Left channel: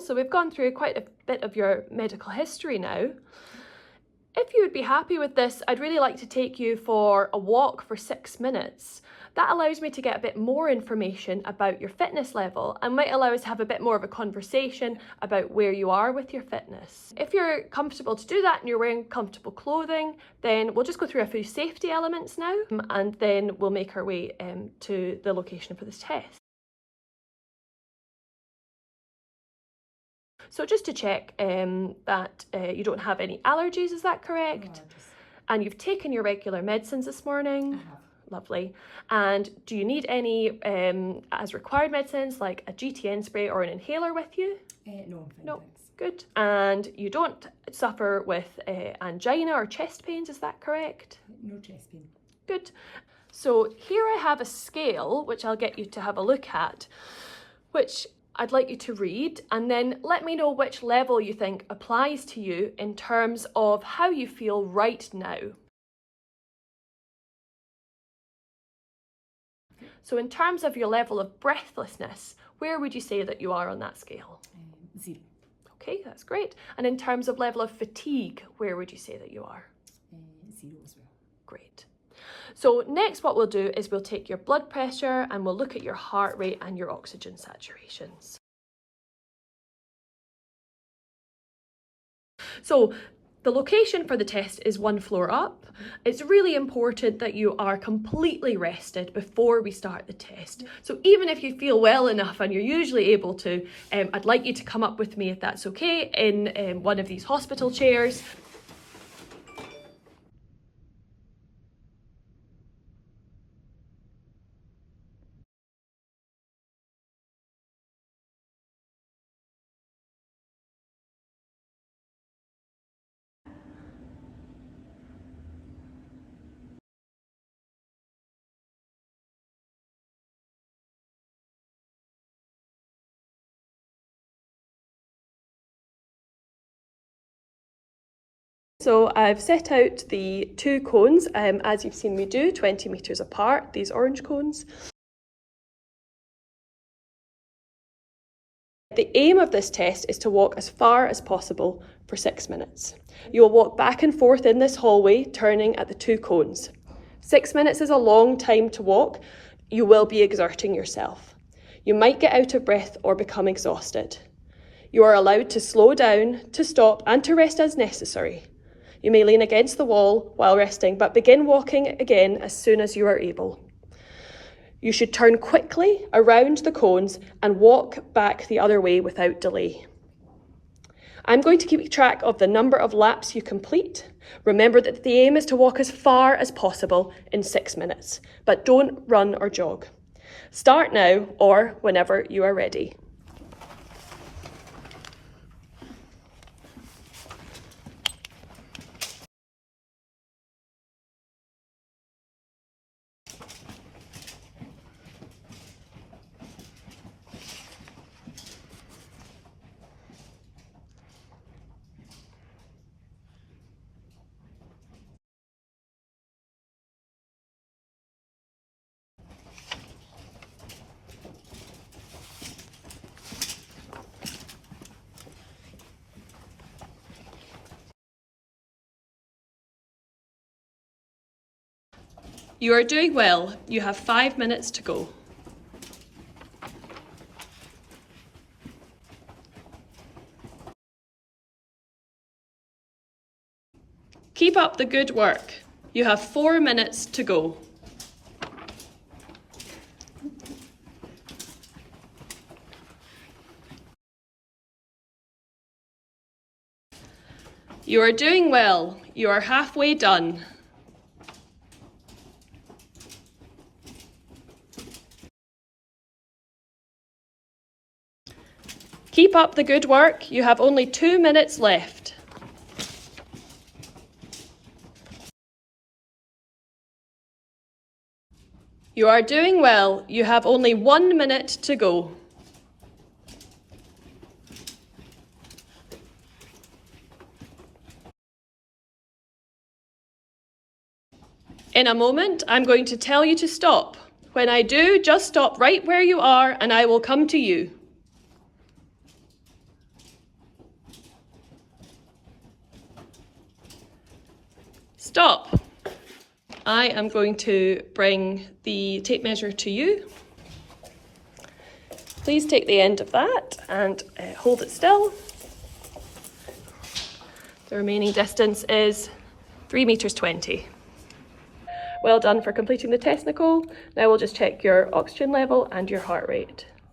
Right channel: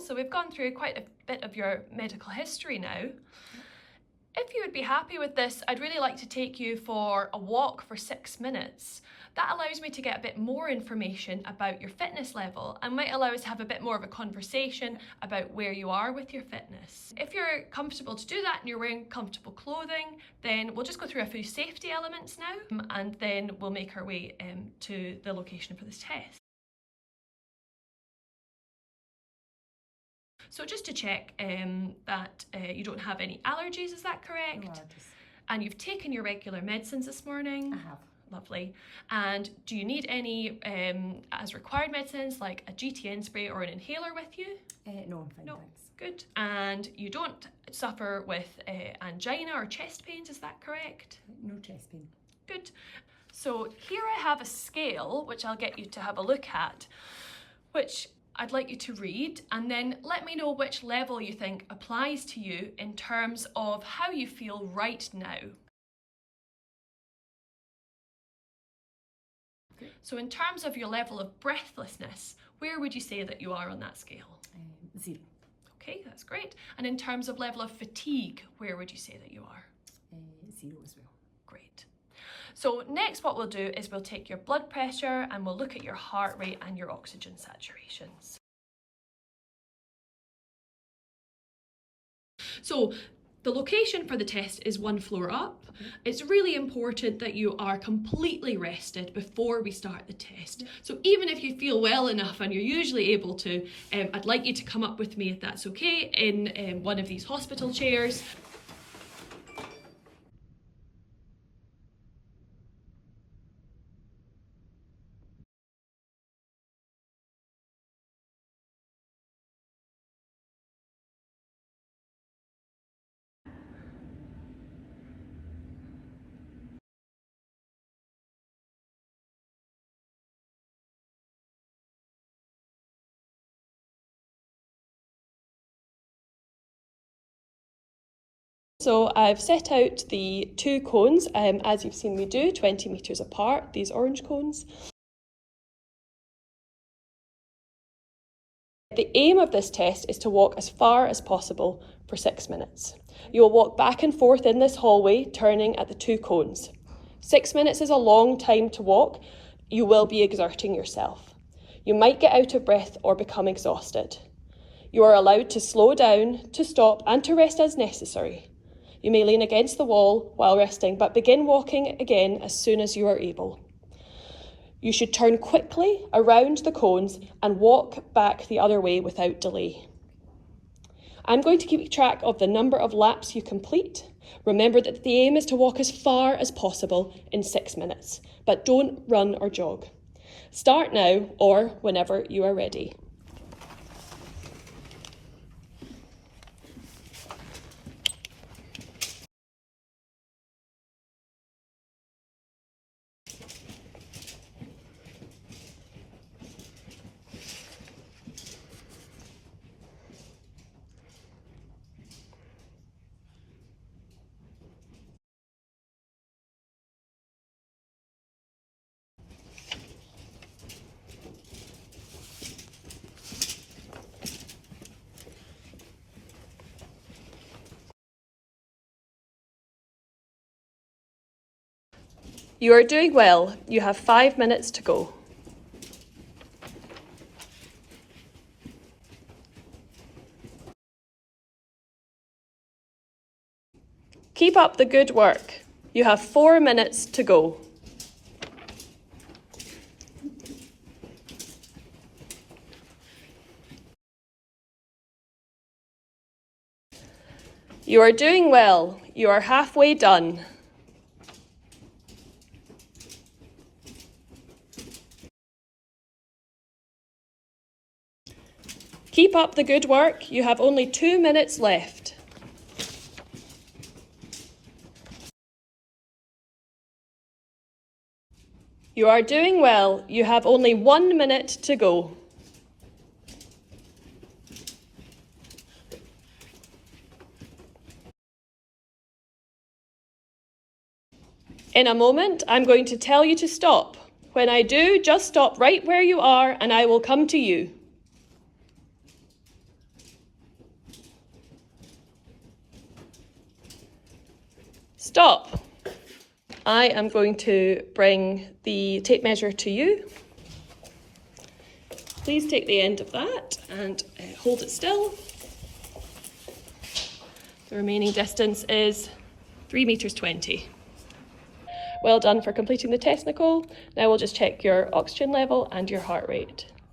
So we've gone through quite a bit of your medical history now. If you would be happy with this, I'd really like to take you for a walk for 6 minutes. That allows me to get a bit more information about your fitness level and might allow us to have a bit more of a conversation about where you are with your fitness. If you're comfortable to do that and you're wearing comfortable clothing, then we'll just go through a few safety elements now and then we'll make our way to the location for this test. So just to check that you don't have any allergies, is that correct? No allergies. And you've taken your regular medicines this morning? I have. Lovely. And do you need any as required medicines like a GTN spray or an inhaler with you? No, I'm fine, No. thanks. Good. And you don't suffer with angina or chest pains, is that correct? No chest pain. Good. So here I have a scale which I'll get you to have a look at, which I'd like you to read, and then let me know which level you think applies to you in terms of how you feel right now. So in terms of your level of breathlessness, where would you say that you are on that scale? 0. Okay, that's great. And in terms of level of fatigue, where would you say that you are? 0 as well. Great. So next what we'll do is we'll take your blood pressure and we'll look at your heart rate and your oxygen saturations. So the location for the test is 1 floor up. It's really important that you are completely rested before we start the test. So even if you feel well enough and you're usually able to, I'd like you to come up with me, if that's okay, in one of these hospital chairs. So I've set out the 2 cones, as you've seen me do, 20 metres apart, these orange cones. The aim of this test is to walk as far as possible for 6 minutes. You will walk back and forth in this hallway, turning at the 2 cones. 6 minutes is a long time to walk. You will be exerting yourself. You might get out of breath or become exhausted. You are allowed to slow down, to stop, and to rest as necessary. You may lean against the wall while resting, but begin walking again as soon as you are able. You should turn quickly around the cones and walk back the other way without delay. I'm going to keep track of the number of laps you complete. Remember that the aim is to walk as far as possible in 6 minutes, but don't run or jog. Start now or whenever you are ready. You are doing well. You have 5 minutes to go. Keep up the good work. You have 4 minutes to go. You are doing well. You are halfway done. Keep up the good work. You have only 2 minutes left. You are doing well. You have only 1 minute to go. In a moment, I'm going to tell you to stop. When I do, just stop right where you are and I will come to you. Stop. I am going to bring the tape measure to you. Please take the end of that and hold it still. The remaining distance is 3 meters 20. Well done for completing the test, Nicole. Now we'll just check your oxygen level and your heart rate.